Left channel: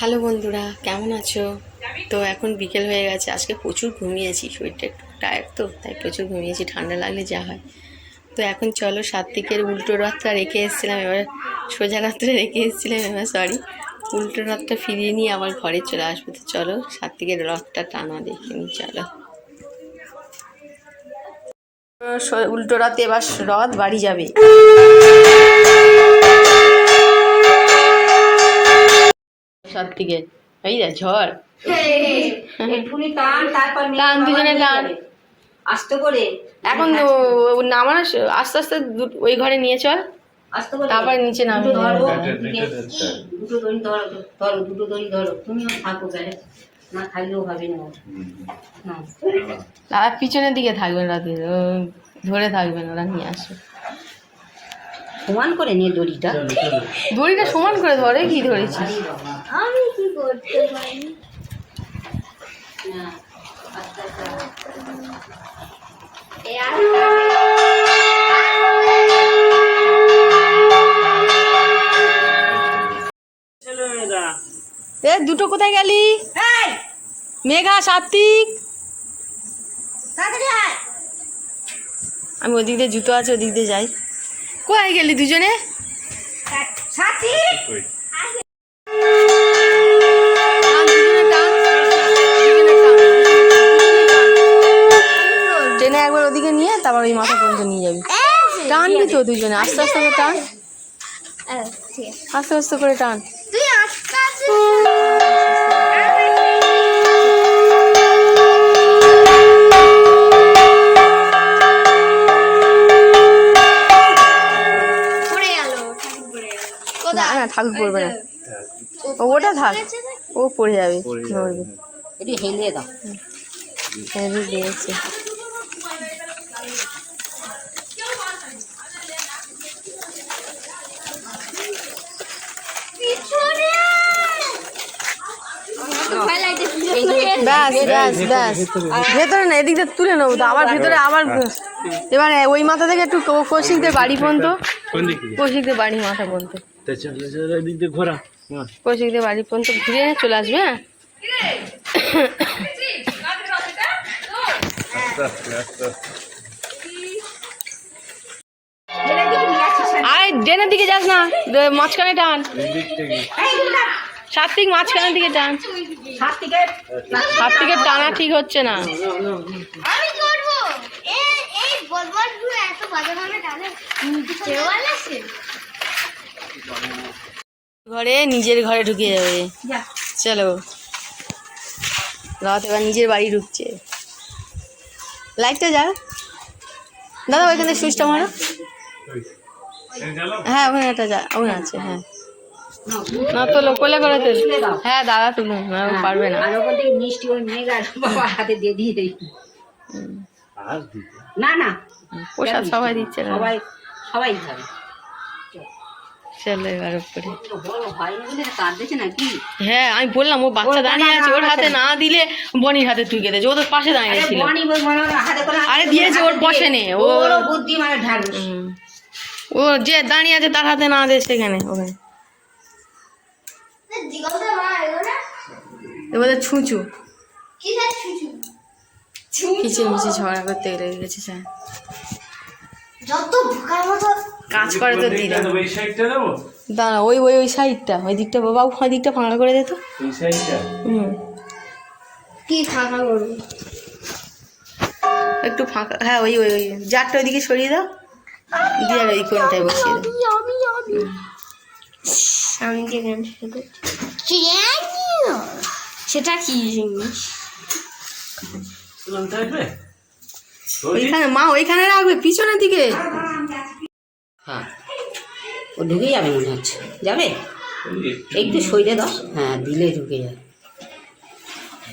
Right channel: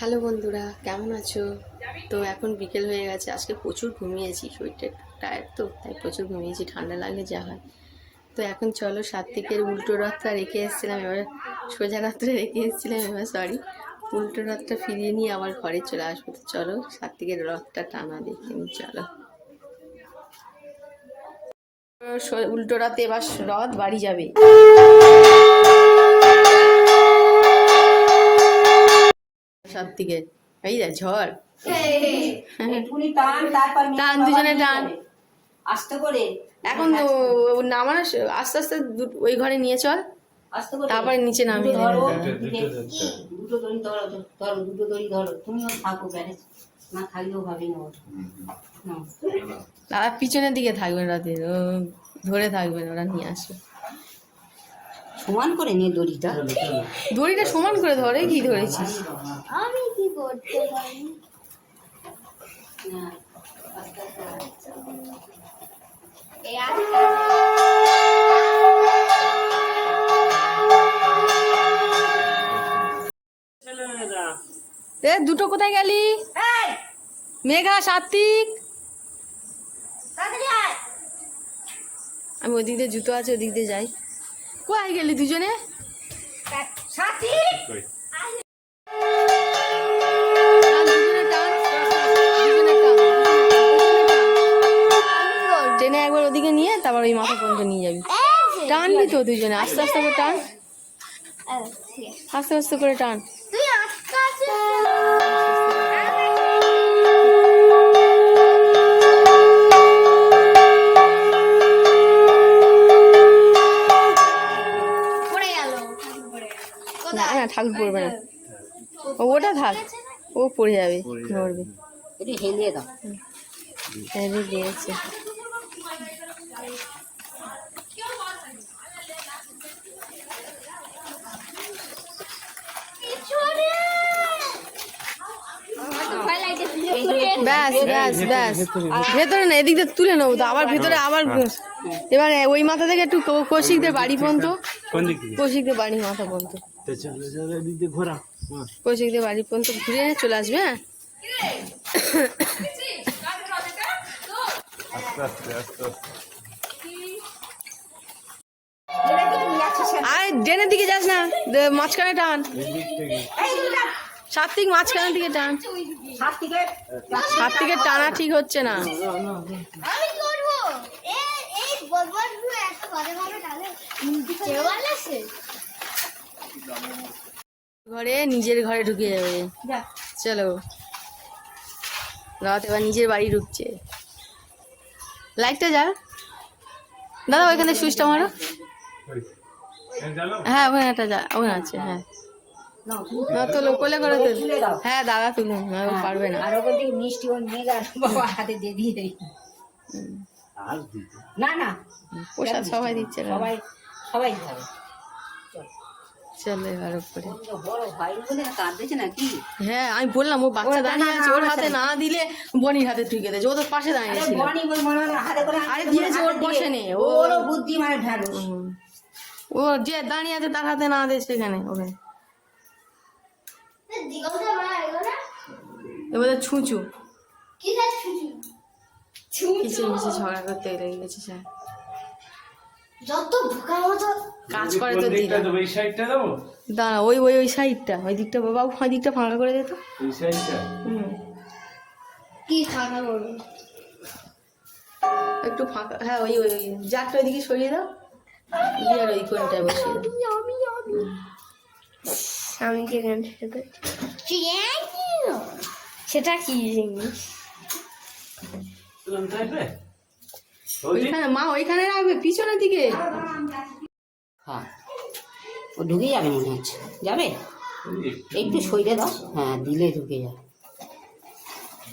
Hello বন্ধুরা, কেমন আছো? তো এখন বিকেল হয়ে গেছে। আজকে প্রচুর ঘুমিয়েছি, শরীরটা একটু টায়ার্ড তো, তাই প্রচুর ঘুমিয়েছি। ঠান্ডা লাগলে যা হয়। তো এখন চলো, সাত্বিকের উল্টো রথটা রেখে এসেছিলাম, এবার সোজা রাত্রে রেখে এসেছিলাম, এবার উল্টো রথটা ফিরিয়ে নিয়ে আবার ঘরে চলে আসবো। তো চলো সাত্বিকের রথটা টানা দেখে নি। চলো, উল্টো রথে এবার রথ বাড়ি যাবে। সাত্বিকে এই যা ঝড়, টান দুজনে টান আস্তে করে। এখন নামানো আস্তে আস্তে ওই ঘরে নিয়ে চল, তারপর নিচে নামবি। দুটো দড়ি ধরো, দুটো দড়ি ধরো, তুমিও থাকো, না থাকলেও হবে না। দাদা পিছনের দিকে থাকবেন, রাতে ধরে থাকবেন, ওরা নিয়ে আসবে। সমান করে নিয়ে দড়িটা সমান করে ধরে। কি ধরেছিস? আমি কি করতে পারি? দুটো কোথায় গেলি? মেঘা, সাত্বিক, আমি ওদিক দিয়ে জুতো আছে, ওদিক দিয়ে যাই। কোথায় গেলি দুজনে? ট্রেনে একবার ওদিকে নিয়ে তারপর ওই মাথা পর্যন্ত নিয়ে যাবি। টানবি তো দুজনে, আস্তে আস্তে করে টান, আস্তে আস্তে করে টান। না ঠাকুর পড়বে না, ওটা থাক, ও পড়ে যাবে, নড়বে। এটি হেলে দাও, হেলে দিয়েছে। ব্যাস ব্যাস ব্যাস, ভেতরে না, এদিকটা তুলে নেবো তো, আবার ভেতরে আবার। এবার ওই মাথা থেকে একটু কৌশিকদের বাড়ি পর্যন্ত, কৌশিকদের বাড়ি মাথা পর্যন্ত, কৌশিকদের বাড়ি পর্যন্ত ঘুরে চলে আসবে। হ্যাঁ, আরে ডেনের দিকে যাস না, মাঝখানে টান। সাত্বিক মাঝখানের দিকে টান, সাত্বিকের টানা ঠিক হচ্ছে না। ঘরে, নিজের ঘরে ঢুকে যাবে। চলো, রাত এবার নিজের বাড়ি ঢুকছে। লাইটটা যা দাদা, ওইখানে সুইচটা মারো। হ্যাঁ ওখানে একটা যা, ওখানে আছে। হ্যাঁ না তোলো, কোলে করে তোলো। হ্যাঁ দাদা তুলো, পারবে না। মিষ্টি ওই মেঘার বাবা হাতে দিয়ে দিয়ে দেই। না না, প্রসাদ সবাই দিচ্ছে না, সবাই খাবে। চলো এবার উপরে। হ্যাঁ আমি বললাম, ও বাচ্চা দাঁড়িয়ে আছে, ওর হাতে না দিলে বনির হাতে তুই দিয়েছে। ও তোর পাশে দাঁড়িয়ে ছিল। আরে দিয়েছে, ওর বসে নে, ওর বুদ্ধি মানে ঢালুস। ও যে দাঁড়িয়ে আছে তার হাতে না দে, সেখানে ওখানে এবারে ছুঁচু কিচে মিচে ঝগড়া করতে লেগে গেছে। কাজ করে তো দিদা। দাঁড়া, ওই ওই ওই সাইডটা, ওই দিকটা বাবা, ওই দিকটা ফাঁকা করে দে তো। কি ফাঁকা করবো? একটু ফাঁকা, হ্যাঁ ওই ওই ওই জারটা ওইদিকে সরিয়ে দাও, দিয়ে ওই কোনটায় বসিয়ে দাও। আমি কি সেটা কি জিনিস? ওইখানে মা, ওইখানে রাখবে পিছনের দিকে। হ্যাঁ, ও ঢুকে যাবে মনে হচ্ছে। যাবে, একটু সইতে দাও। হ্যাঁ, দিলে ঢুকে যাবে।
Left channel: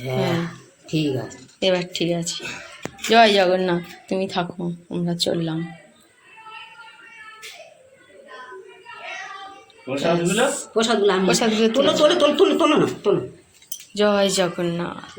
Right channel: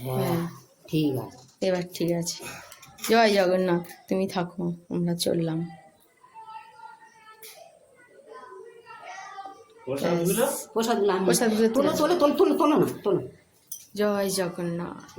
হ্যাঁ ঠিক আছে, এবার ঠিক আছে। জয় জগন্নাথ, তুমি থাকো, আমরা চললাম। প্রসাদগুলো তোলো তোলো তোলো তোলো তোলো না তোলো। জয় জগন্নাথ।